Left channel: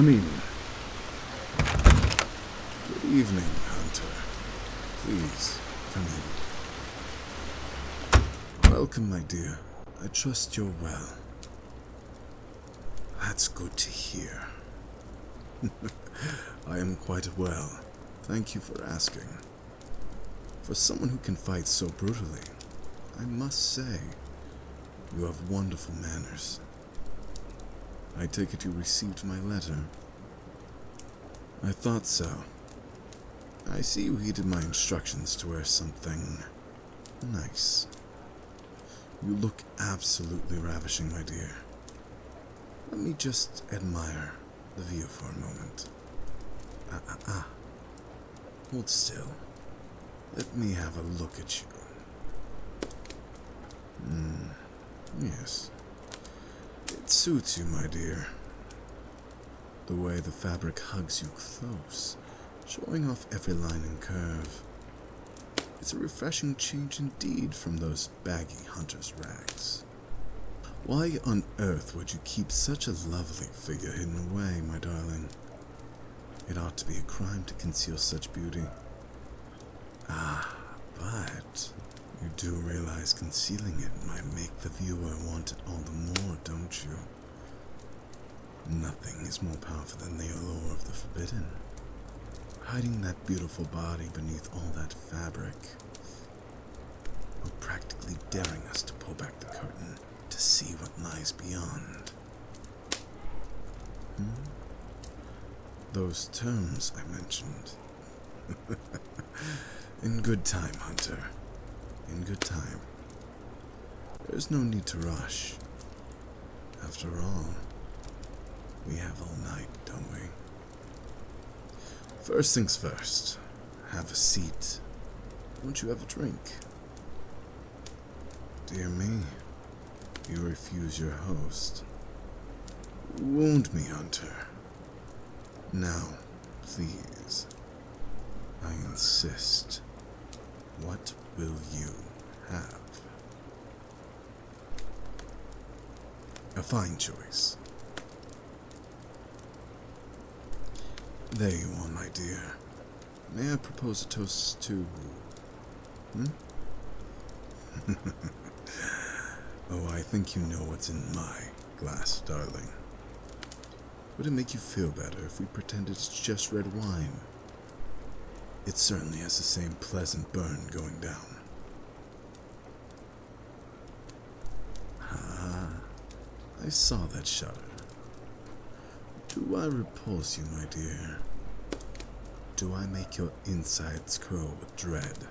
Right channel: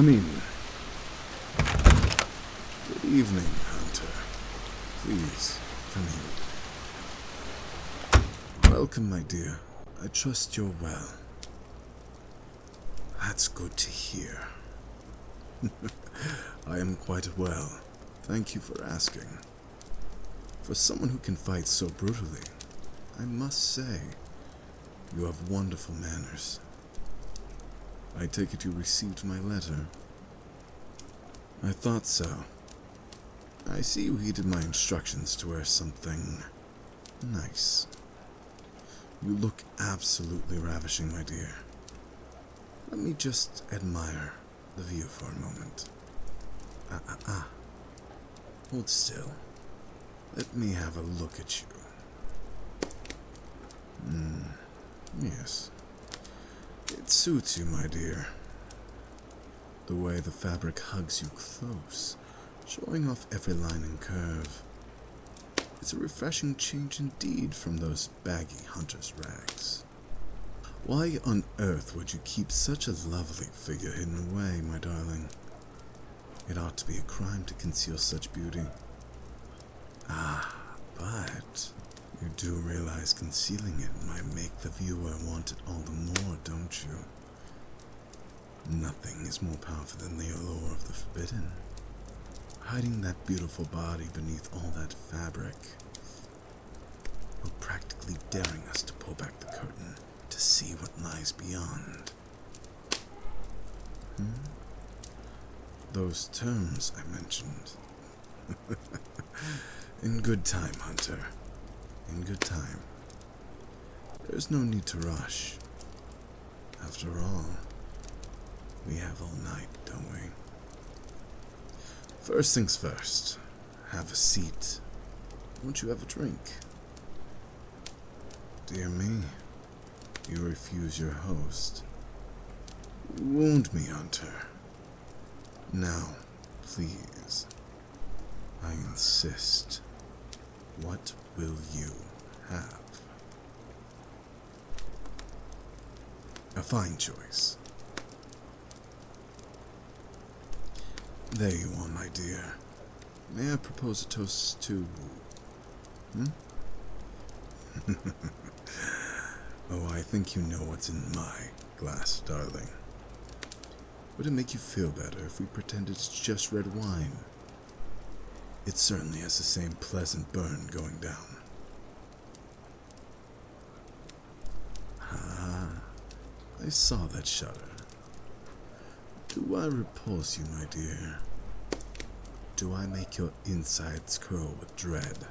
Come in. Good evening, Hunter. Please, come in. Welcome, my dear. I trust you're well. That's good to hear. I am quite well. Thank you for asking. For someone who can fight so brutally, I must say, you have wonderful manners. I take it you received my letter. I thought so. I see you heeded my instructions to wear something nice. You look absolutely ravishing, my dear. Let me just admire the view for a moment. Hold still. Let me have a look at you. Yes. It suits you, my dear. The way the fabric hugs you close, showing off every line and curve. It's a refreshing change indeed from those baggy hunter's rags. Why on earth would you keep such a lovely figure hidden away, my darling? It ought to be a crime to conceal such beauty. But you do realize concealing it might make the viewer want it all the more, don't you? Nothing is more powerful than the allure of the forbidden. Hiding that beautiful body beneath all that fabric, or practically daring us to pull back the curtain to see what lies beyond. Those terms I mentioned. In good time, Hunter. In good time. There's no need to rush. After all, we have all night, don't we? First things first. Have a seat. Won't you have a drink? Dear me, you refuse your host. Wound me, Hunter. Now, please. I insist. What will you have? A fine choice. There you are, my dear. May I propose a toast to... Oh, I think you know what's in my glass, darling. Would it make you feel better if we pretended it's just red wine? It certainly has the same pleasant burn going down. I saw that shudder. Do I repulse you, my dear? Do I make your insides curl with dread?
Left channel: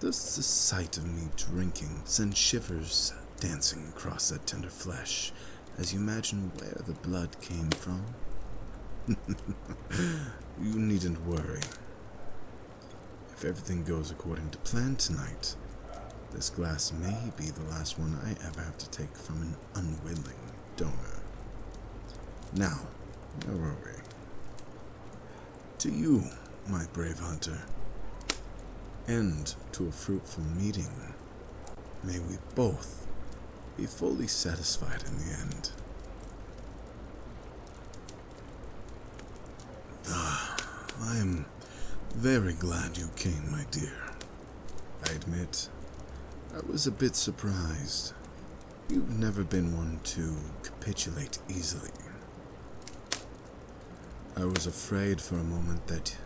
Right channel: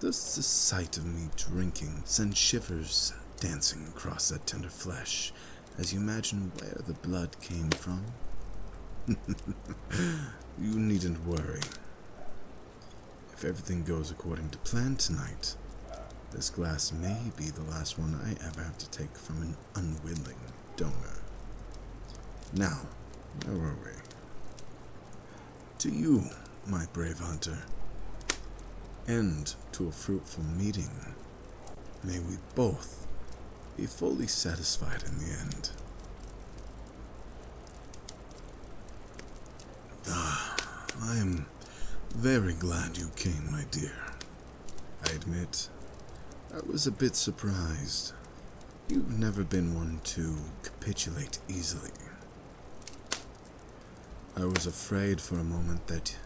Does the sight of me drinking send shivers dancing across that tender flesh as you imagine where the blood came from? You needn't worry. If everything goes according to plan tonight, this glass may be the last one I ever have to take from an unwilling donor. Now, where were we? To you, my brave hunter, and to a fruitful meeting, may we both be fully satisfied in the end. I am very glad you came, my dear. I admit, I was a bit surprised. You've never been one to capitulate easily. I was afraid for a moment that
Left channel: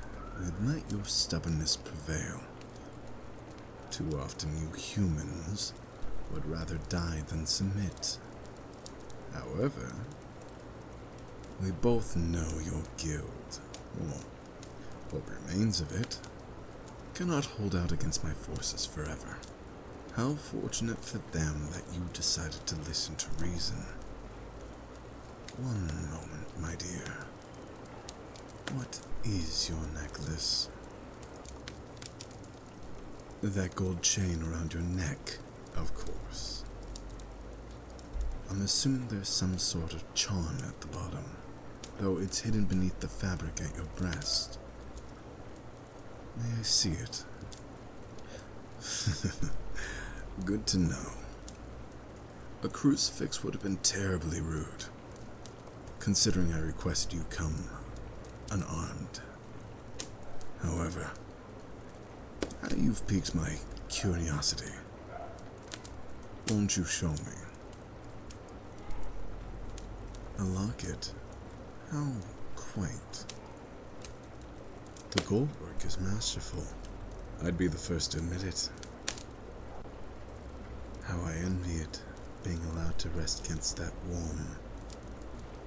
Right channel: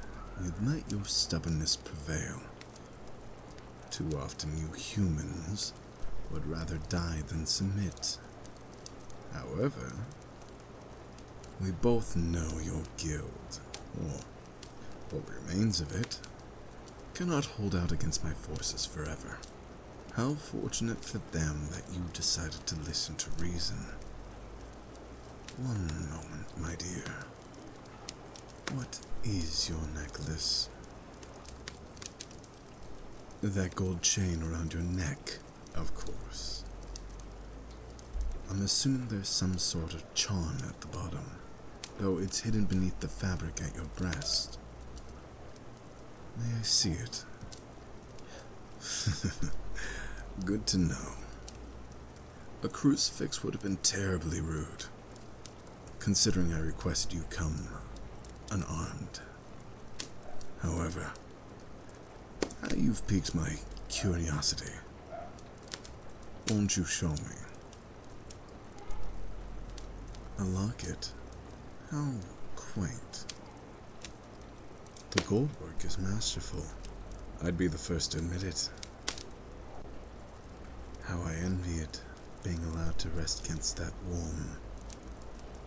you'd let your stubbornness prevail. Too often you humans would rather die than submit. However, we both know your guild, or what remains of it, cannot hold out against my forces forever. How fortunate for them that you decided to listen to reason. One moment, my dear. What is your necklace? That gold chain around your neck, of course. I'm assuming there's some sort of charm at the bottom, though it's hidden beneath the fabric at your breast. May I see it? Good to know. A crucifix would have been terribly rude. considering I requested you come unarmed. However, now you've piqued my curiosity. Won't you show me? A locket? How quaint. The gold work is masterful. I'd be the first to admit it. How I envy it, being allowed to rest against that warm,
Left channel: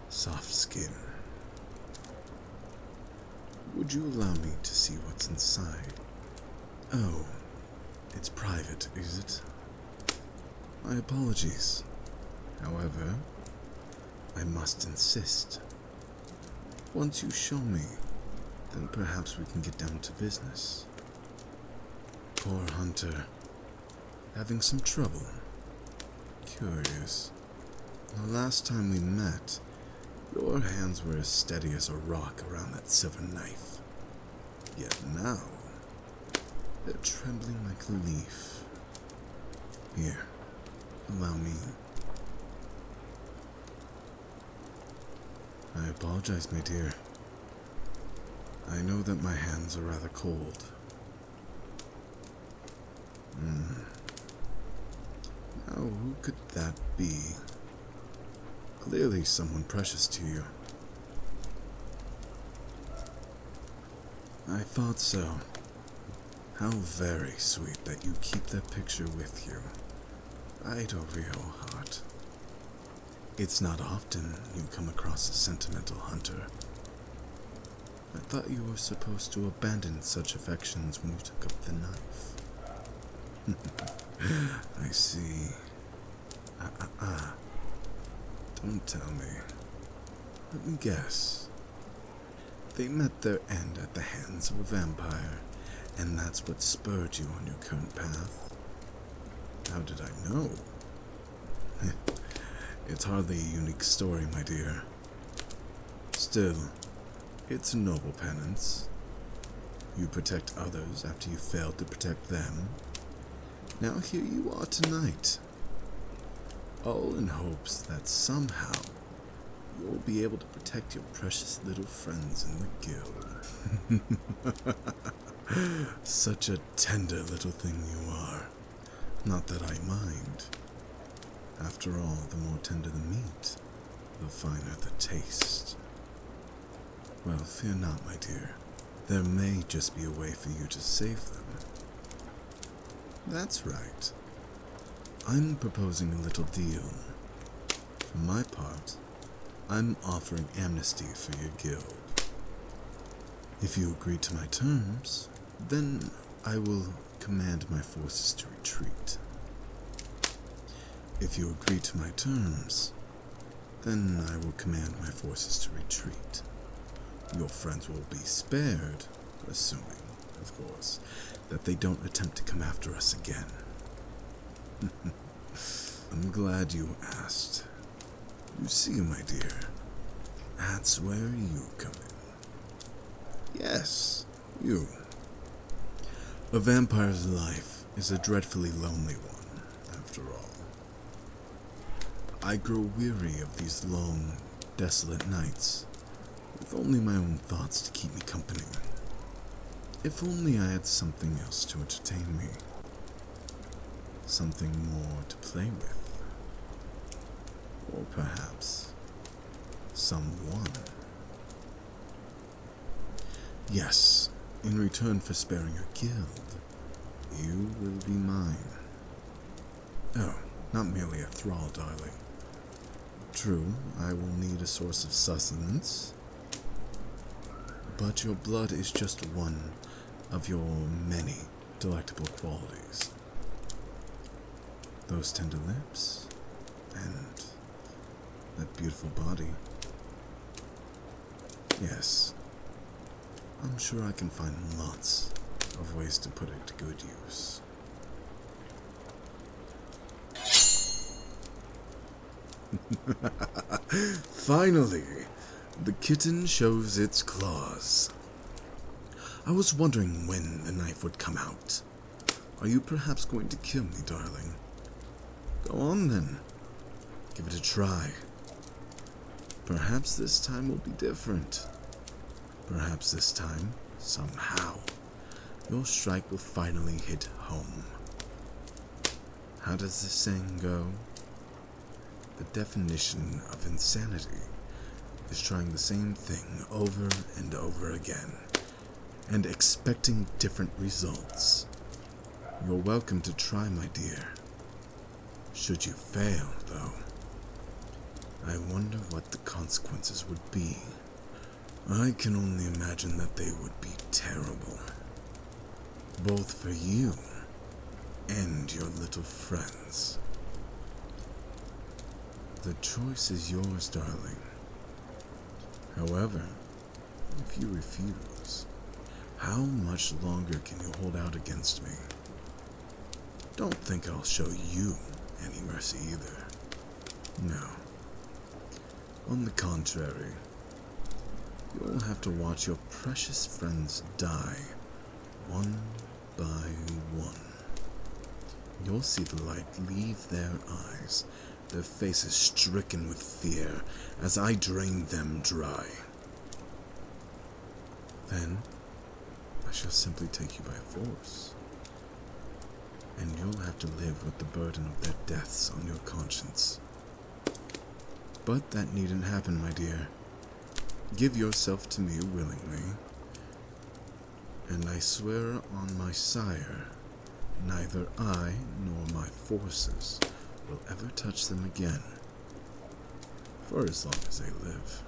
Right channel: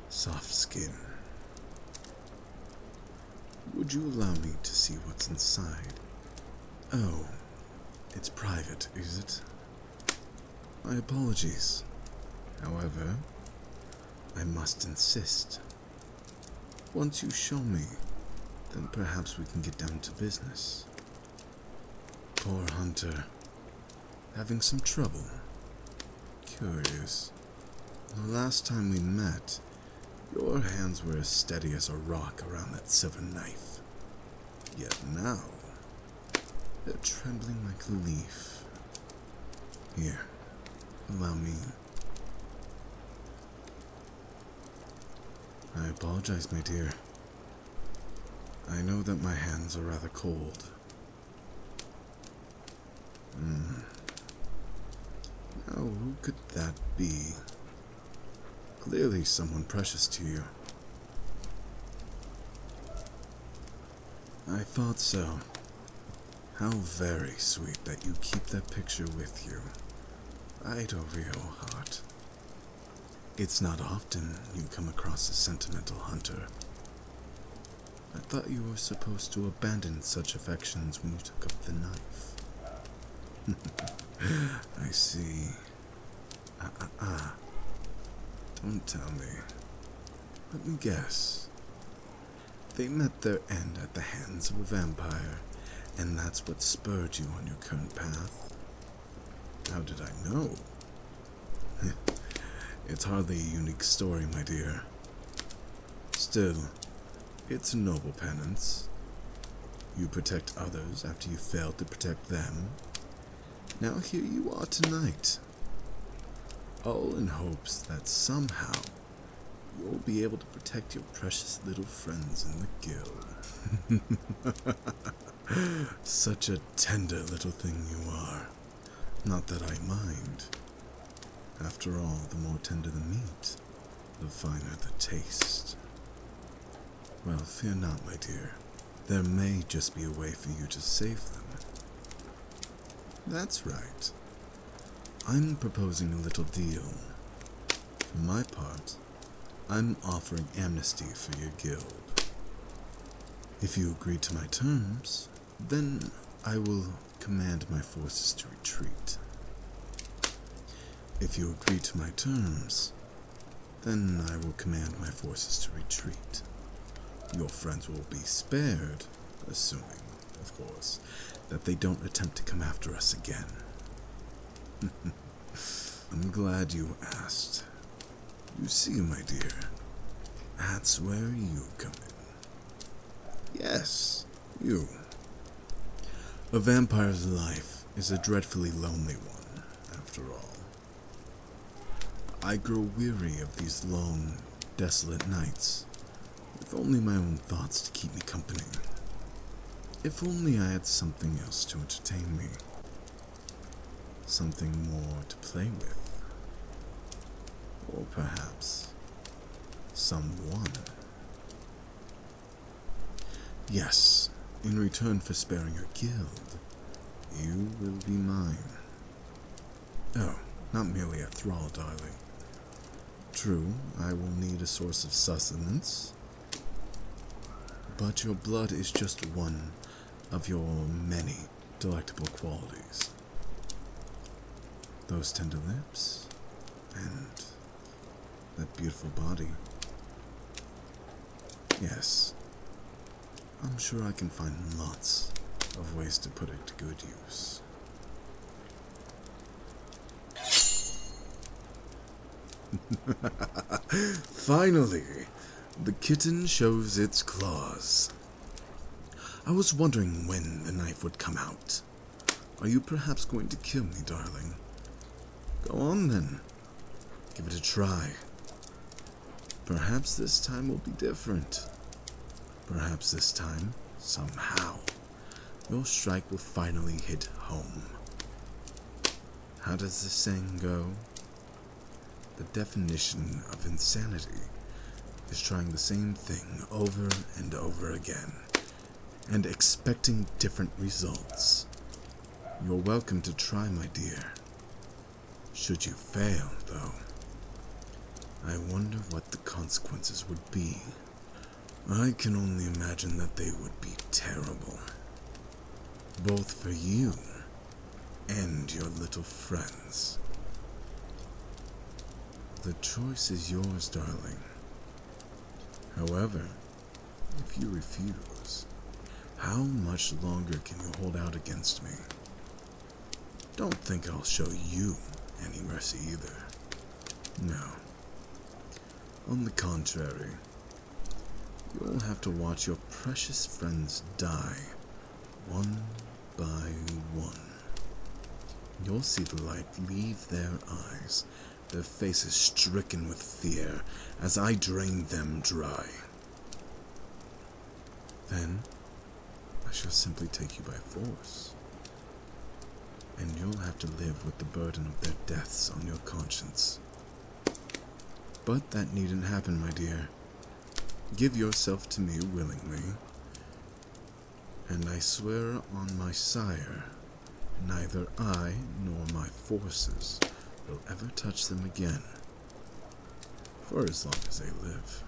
soft skin. Would you allow me to see what's inside? Oh, it's private, is it? My apologies. However, I must insist. Once you show me, then perhaps we can get down to business. Poor Hunter. Having some trouble. Curious. The last time we met, your hands were as steady as a rock around that silver knife. Yet now, they're trembling like a leaf. Here, allow me. I apologize, my dear. I know that my hands are rather cold. Now, who could that be? Clearly someone precious to you. I thought so. How very sweet that you keep that picture with you. Right over your heart. It's not often you come across a sentimental hunter. I thought you were supposed to abandon such affections when you took up the knife. I see. Don't tell me. Let me guess. They met their end at the hands of a vampire, and that's what spurred you on your current path? How did I know? It's hardly a unique story, my dear. Still, it's a noble penance. You protect others after you failed to protect them. Now here you are tonight. All in hopes that somehow you'll be able to protect your precious little friends in the guild. Such a tender little thing you are. Not that I mind. After all, the more tender the meat, the finer the taste. Well, fear not, my dear. There may just be a way for you to save them. That's right. I'm proposing a little deal. For my part, I'm offering amnesty for your guild. If you agree to my terms, then I will command my forces to retreat. If you agree to my terms, then I will command my forces to retreat. Your friends will be spared, assuming, of course, that they don't attempt to come after us again. I'm glad you asked. You see, my dear, that's where you come in. Yes, you. A vampire's life is a dreadfully lonely one, after all. I grow weary of these long, desolate nights, with only my own thoughts to keep me company. If only I had something else to entertain me. Something more to play with. Or perhaps someone. Yes, in return for sparing your guild, you will be mine. Oh, not merely a thrall, darling. True, I will need a source of sustenance, but your blood is just one of your many delectable qualities. Those tender lips, and that beautiful body. Yes, I'm sure I can find lots of ways to put it to good use. Finally, the kitten shows its claws. I was wondering when the knife would come out. Are you perhaps going to kill me, darling? Go on then. Give it a try. Perhaps this time will be different. Perhaps this time, somehow, your strike will finally hit home. How does the saying go? The definition of insanity is trying the same thing over and over again, and expecting different results. You're welcome to try, my dear. Should you fail, though, I wonder what the consequences would be. I can only imagine that they would be terrible, both for you and your little friends. The choice is yours, darling. However, if you refuse, how much longer can you hold out against me? Don't think I'll show you any mercy either. No. On the contrary, you'll have to watch your precious friends die, one by one. You'll see the light leave their eyes, their faces stricken with fear, as I drain them dry. Then, I shall simply take you by force, and you'll have to live with the burden of their deaths on your conscience. But that needn't happen, my dear. Give yourself to me willingly, and I swear on my sire, neither I nor my forces will ever touch them again, for as long as they live.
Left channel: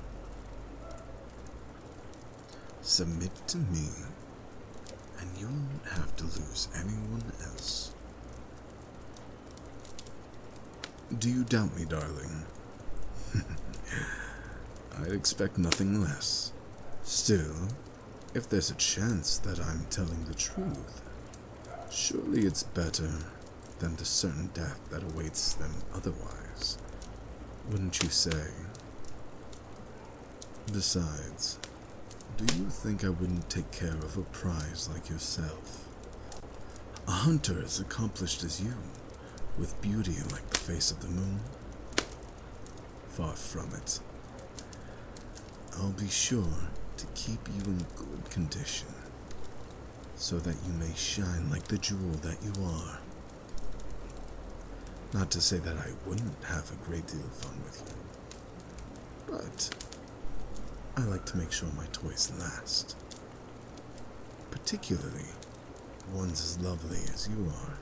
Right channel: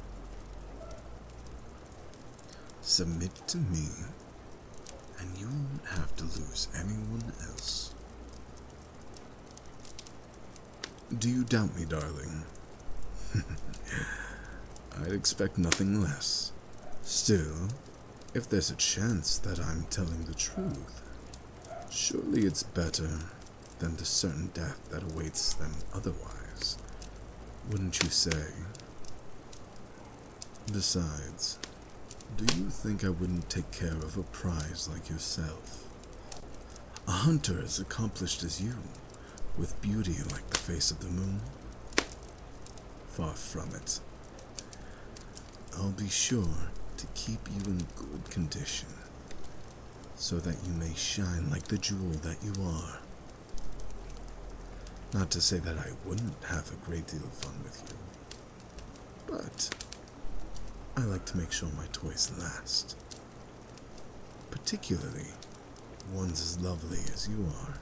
Submit to me, and you won't have to lose anyone else. Do you doubt me, darling? I'd expect nothing less. Still, if there's a chance that I'm telling the truth, surely it's better than the certain death that awaits them otherwise, wouldn't you say? Besides, do you think I wouldn't take care of a prize like yourself? A hunter as accomplished as you, with beauty like the face of the moon? Far from it. I'll be sure to keep you in good condition, so that you may shine like the jewel that you are. Not to say that I wouldn't have a great deal of fun with you, but I like to make sure my toys last. Particularly ones as lovely as you are.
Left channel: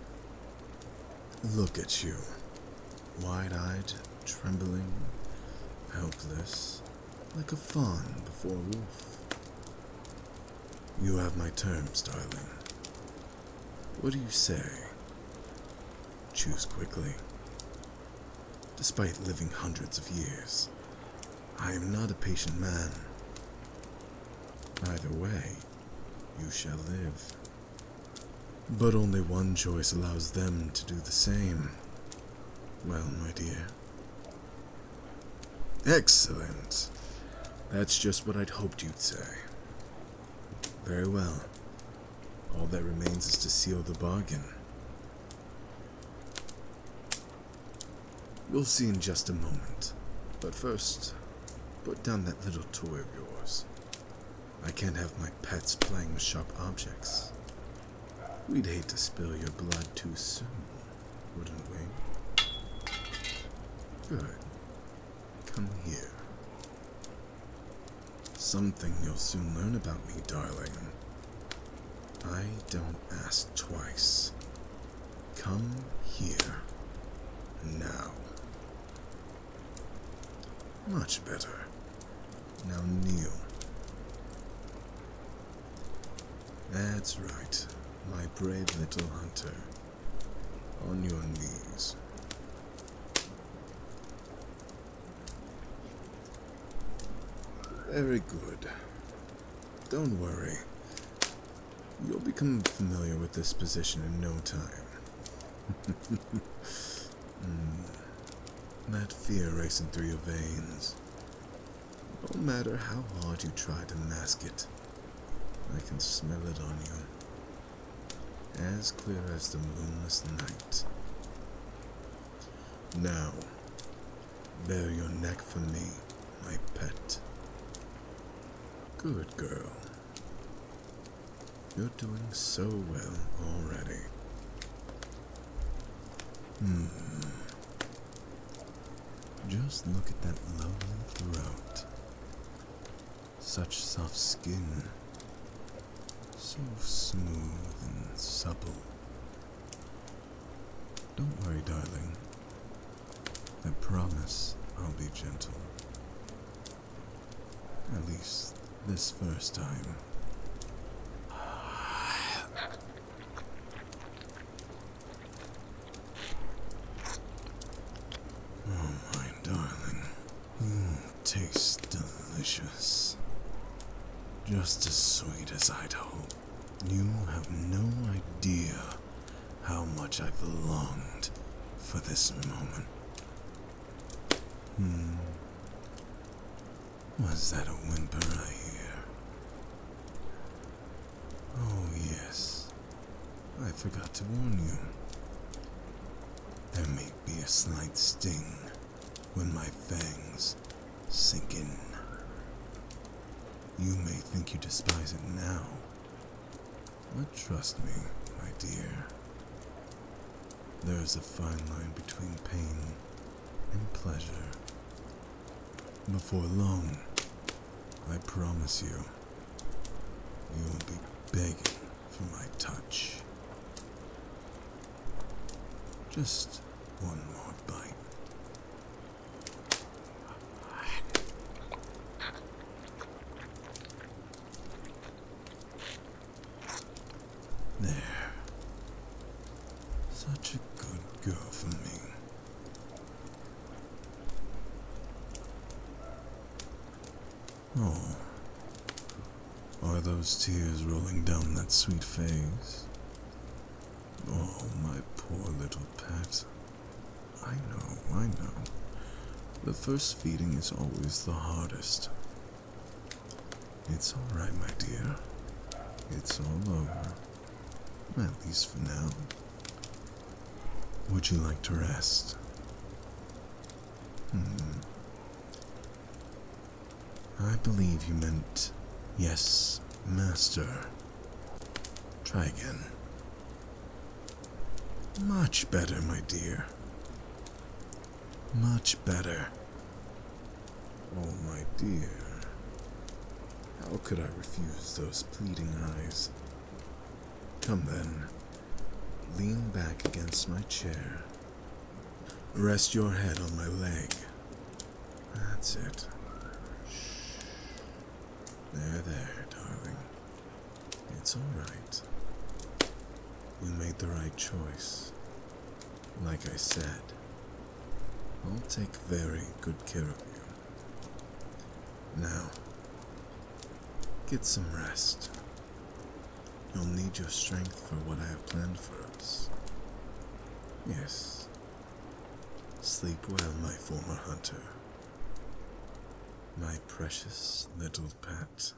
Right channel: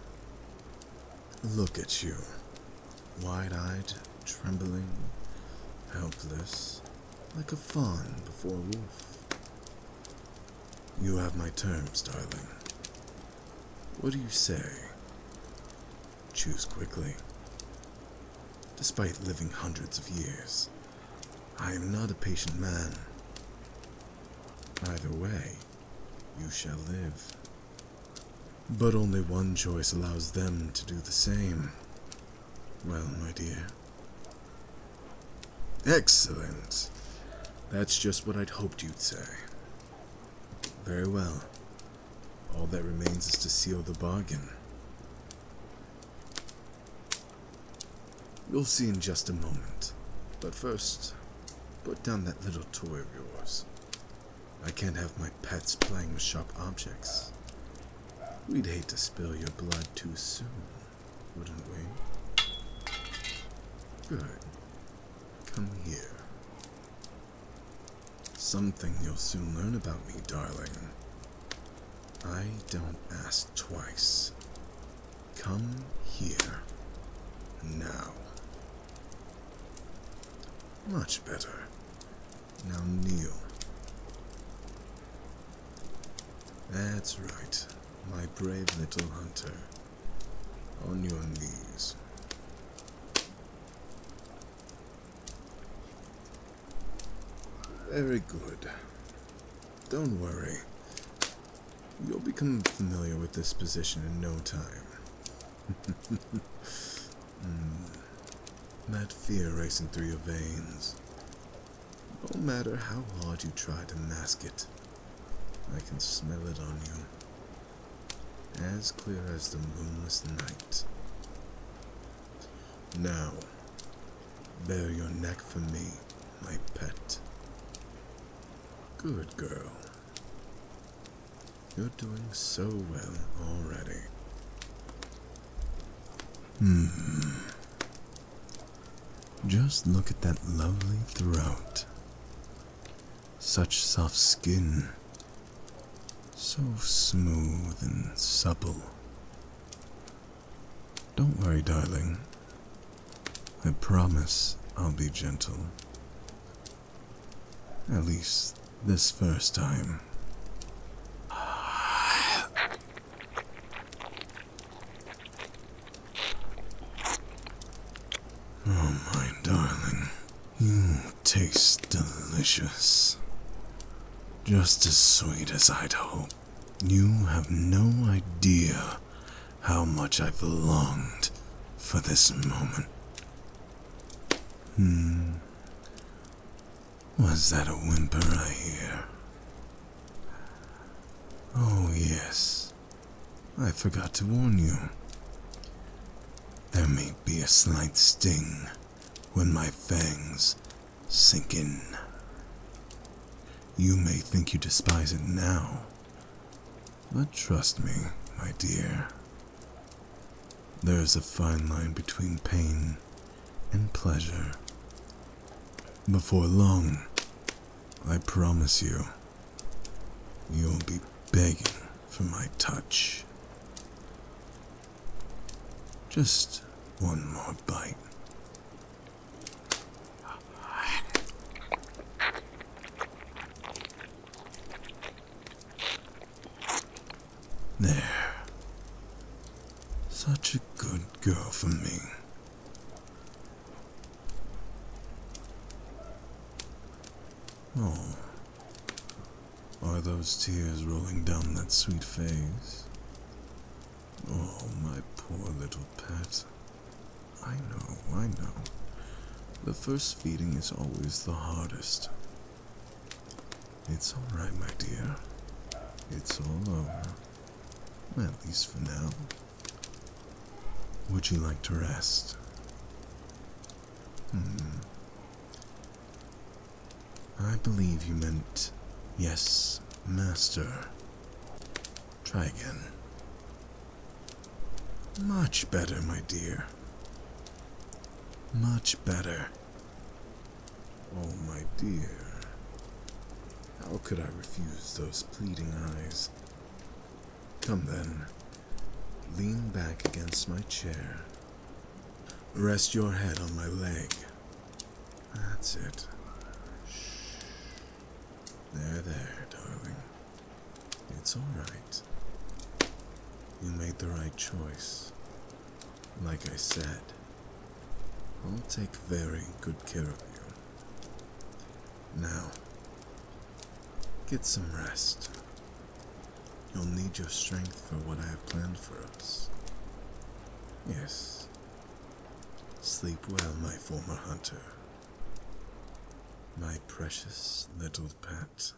Look at you, wide-eyed, trembling, helpless, like a fawn before a wolf. You have my terms, darling. What do you say? Choose quickly. Despite living hundreds of years, I am not a patient man. Either way, you shall live. But only one choice allows them to do the same. Well, my dear. Excellent. That's just what I'd hoped you'd say. Very well. All that remains is to seal the bargain. You'll see in just a moment. But first, put down that little toy of yours. I can't have my pets playing with sharp objects. We'd hate to spill your blood too soon, wouldn't we? Good. Come here. Something you'll soon learn about me, darling. I don't ask twice. Come here. Now. Much better. Now kneel. That's right, my brave little hunter. On your knees. Very good. Don't worry. You'll become familiar with this position in no time. That fear racing through your veins. No matter how hard you try to mask it, I can smell it on you. As clear as the moonless night. Now, bare your neck for me, my pet. Good girl. You're doing so well already. Just look at that lovely throat. Such soft skin. So smooth and supple. Don't worry, darling. I promise I'll be gentle. At least this first time. Oh, my darling. You taste delicious. Just as sweet as I'd hoped. You have no idea how much I've longed for this moment. Was that a whimper I hear? Oh, yes. I forgot to warn you. There may be a slight sting when my fangs sink in. You may think you despise it now, but trust me, my dear. There's a fine line between pain and pleasure. Before long, I promise you, you'll be begging for my touch. Just one more bite. There. Such a good girl for me. Oh, are those tears rolling down that sweet face? Oh, my poor little pet. I know. The first feeding is always the hardest. It's all right, my dear. It's all over. At least for now. Would you like to rest? I believe you meant, yes, master. Try again. Much better, my dear. Much better. Oh, my dear. How could I refuse those pleading eyes? Come then. Lean back against my chair. Rest your head on my leg. That's it. Shh. There, darling. It's all right. You made the right choice. Like I said, I'll take very good care of you. Now, get some rest. You'll need your strength for what I have planned for us. Yes. Sleep well, my former hunter. My precious little pet.